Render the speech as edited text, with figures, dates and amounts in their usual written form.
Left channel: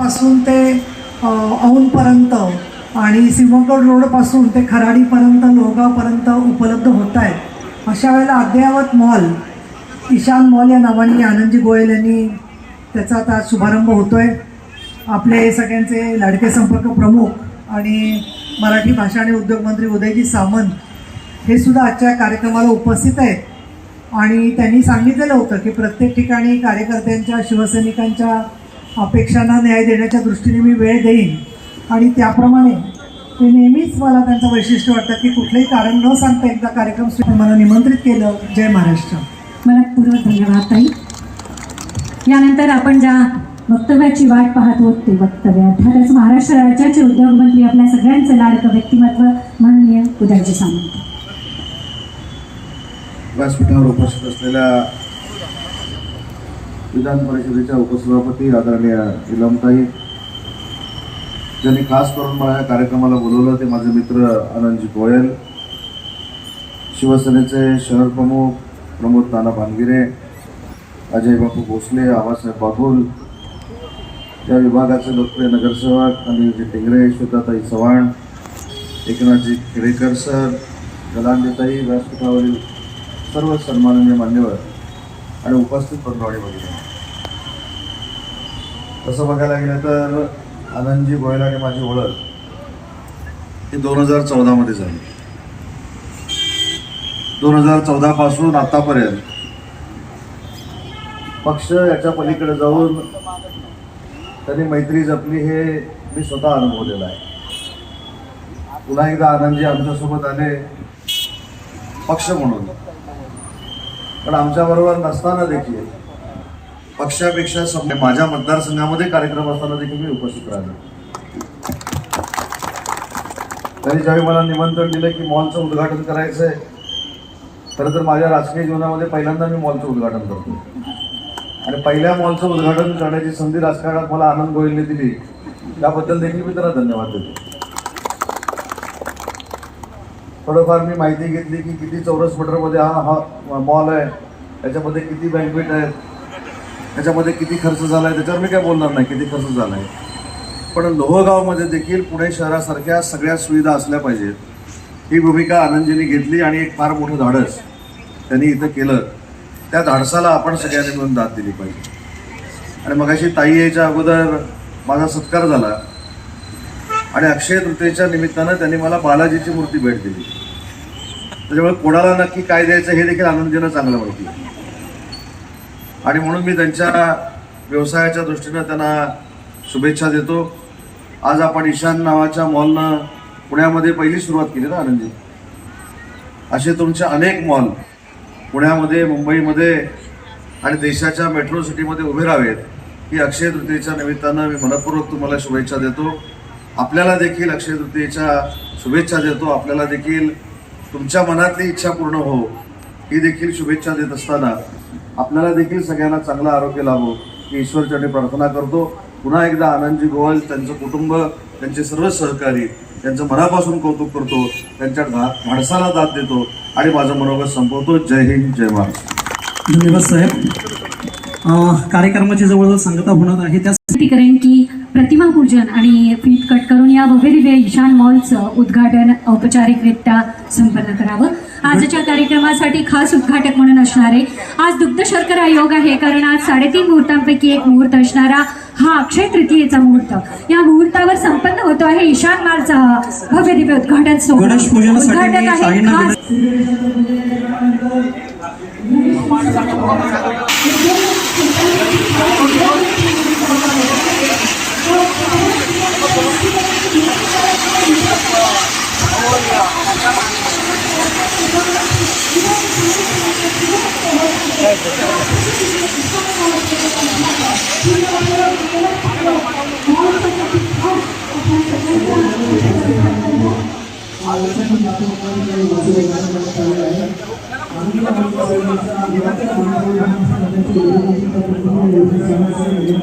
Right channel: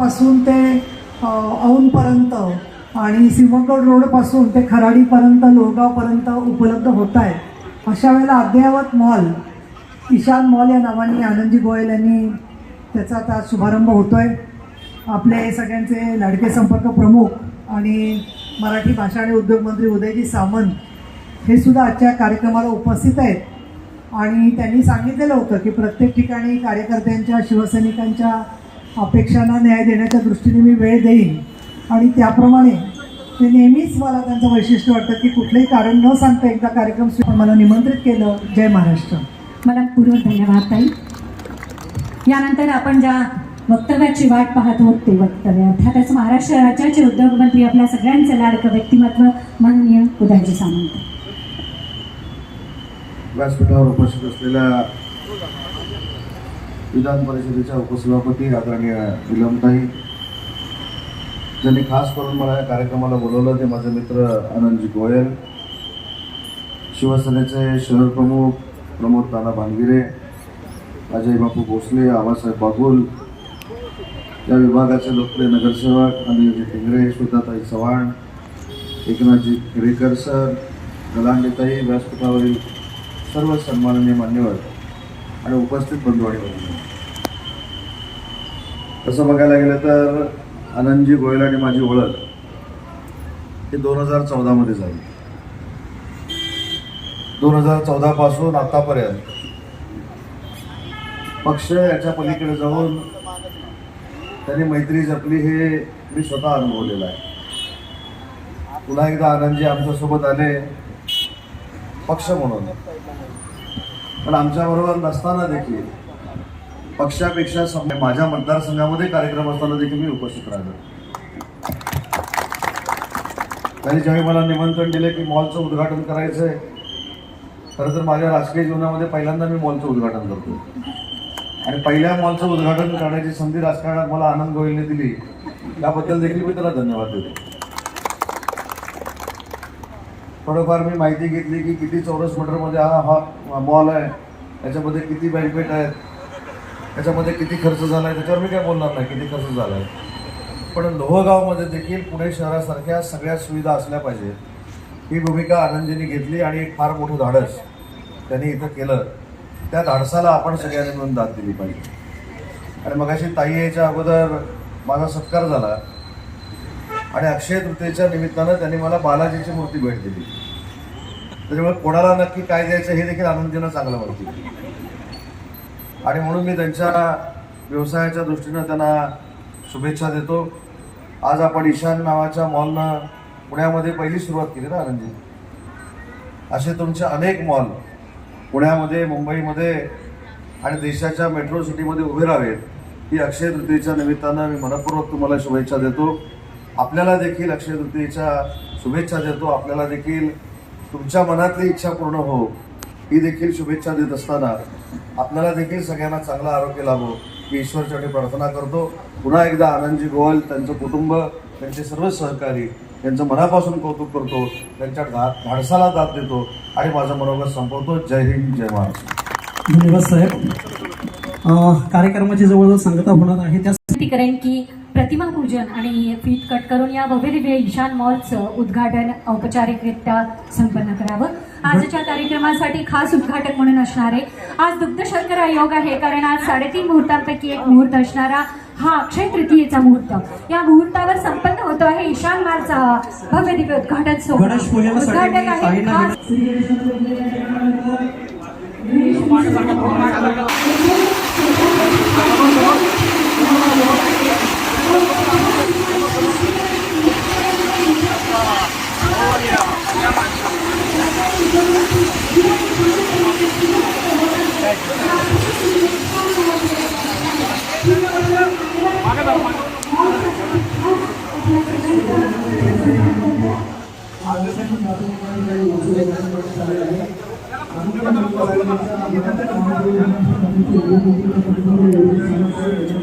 पासून ते औंधपर्यंत आणि सिंहगड रोडपासून ते खराडीपर्यंत लोहगावपर्यंत उपलब्ध होत आहे. अशा वेळेला अद्ययावत मॉल ईशान मॉल या नावाने आनंदजी गोयल यांनी त्याचा आता शुभारंभ होतो आहे. आपले सगळ्यांचे लाडके संपर्क प्रमुख आणि मराठी भाषा आणि उद्योग मंत्री उदयजी सामंत हे सुद्धा आजच्या कार्यक्रमाला उपस्थित आहेत आणि त्यांनी सांगितलेलं होतं की प्रत्येक ठिकाणी कार्यकर्त्यांच्या शिवसैनिकांच्या अपेक्षांना न्याय देण्याच्या दृष्टीने मी वेळ देईन आणि त्याप्रमाणे ते नेहमीच मला त्यांचं वैशिष्ट्य वाटतं की कुठलंही कारण न सांगता एकदा कार्यक्रम मला निमंत्रित केलं. जय महाराष्ट्र. मला पूर्व धन्यवाद ताई. यानंतर आपण ज्या वक्तव्याची वाट पाहत होत ते वक्तव्य अर्थातच महाराष्ट्र राज्याचे उद्योगमंत्री आपल्या सगळ्यांचे लाडकं व्यक्तिमत्व माननीय उदयजी सामंत. व्यासपीठावर उपस्थित असलेल्या विधान परिषदेच्या उपसभापती आदरणीय इलमताई, ज्यांनी खास करून मला या कार्यक्रमाला बोलवलं ते माझे मित्र आनंदजी गोयल, शिवसेनेचे शहर प्रमुख प्रमोद ताना भानगिरे, अजय बापू भोसले, आबासाहेब बागुल, या विभागाचे लोकप्रिय नगरसेवक अनिलजी टिंगरे, श्वेताताई चव्हाण, एकनाथजी खेडेकर सर, गलांडेताई, व्यासपीठावरील सर्व सन्माननीय मान्यवर आणि उपस्थित बंधू आणि भगिनी. तसं बघायला गेलं तर आनंदजी गोयल आणि माझी ओळख ही 2014 झाली. 2014 पासून आतापर्यंत पक्ष याच्या पलीकडे जाऊन त्यांनी मैत्री जपली हे मी स्वतः अनुभवलेलं आहे. पुन्हा एकदा आनंदजी आमच्यासोबत आले पक्ष म्हणून, पण आमच्याबरोबर नसताना देखील पक्षापेक्षा माझ्या मतदारसंघामध्ये कार्यक्रम असताना देखील मी उपस्थित राहिलो. त्यांनी ज्यावेळी मला निमंत्रण दिलं की मॉलचं उद्घाटन करायचं आहे, खरं तर माझ्या राजकीय जीवनामध्ये पहिल्यांदा मी मॉलचं उद्घाटन करतो आणि पहिल्या मॉलचं उद्घाटन करण्याची संधी राजकारणात मला आनंद गोयलने दिली, त्याबद्दल देखील मी त्याला धन्यवाद देतो. थोडंफार मी माहिती घेतली की किती चौरस मीटरमध्ये हा मॉल आहे, त्याच्यामध्ये किती बँकवेट आहेत, त्याच्यामध्ये किती खर्च झाला आहे, त्याच्यावर मी काय बोलणार नाही किती खर्च झाला आहे. पण लोहगावमध्ये देखील पुणे शहरासारख्या सगळ्या सुविधा असल्या पाहिजेत ही भूमिका आनंदजींनी घेतली आणि एक फार मोठं धाडस त्यांनी इथं केलं. त्या धाडसाला आपण सगळ्यांनी मिळून दाद दिली पाहिजे. आणि मगाशी ताई यायच्या अगोदर माझा सत्कार झाला आणि अक्षय तृतीयेच्या निमित्तानं त्यांनी मला बालाजीची मूर्ती भेट दिली. त्याच्यामुळे कोणाला नक्की काय द्यायचं हे देखील आनंदजींना चांगलं माहिती आणि म्हणून मी त्यांच्या व्यवसायाच्या दृष्टीनं त्यांना शुभेच्छा देतो. आज आपण ईशान नावाच्या मॉलनं पुण्यामध्ये पहिली सुरुवात केली ना आनंदजी. असे तुमचे अनेक मॉल पुण्यामध्ये, मुंबईमध्ये आणि देशाच्या मेट्रो सिटीमध्ये उभे राहावेत ही अक्षय तृतीयेच्या निमित्तानं मी मनपूर्वक तुम्हाला शुभेच्छा देतो. आपल्याला देखील अक्षय तृतीयेच्या शुभेच्छा देतो. आपल्याला देखील तुमच्या मनातली इच्छा पूर्ण हो ही देखील शुभेच्छा देत असताना आपल्याला देखील सगळ्यांना चांगलं आरोग्य लाभो ही ईश्वरचरणी प्रार्थना करतो. पुन्हा एकदा आनंदजी गोयल, त्यांचं कुटुंब, त्यांचे सर्व सहकारी त्यांचं मनापासून कौतुक करतो, त्यांच्या धाडसाला दाद देतो आणि माझं मनोगत संपवतो. जय हिंद, जय महाराष्ट्र. धन्यवाद साहेब. कार्यक्रमाची जवळजवळ सांगता होणार आहे त्यासाठी करेन की प्रतिमा पूजन आणि फीत कट करून या भव्यदिव्य ईशान मॉलचं उद्घाटन औपचारिकरित्या संपन्न करावं. आजच्या कार्यक्रमासाठी खास उद्घाटक म्हणून असणारे आज दुग्ध शर्करा योग आहे, कारण आज 3.5 मुहूर्तांपैकी एक मुहूर्त असणारा हा अक्षय तृतीयेचा मुहूर्त. या मुहूर्तावर संपन्न होतो आहे ईशान मॉलचा भव्य दिव्य उद्घाटन सोहळा. उद्घाटक आहे खास आज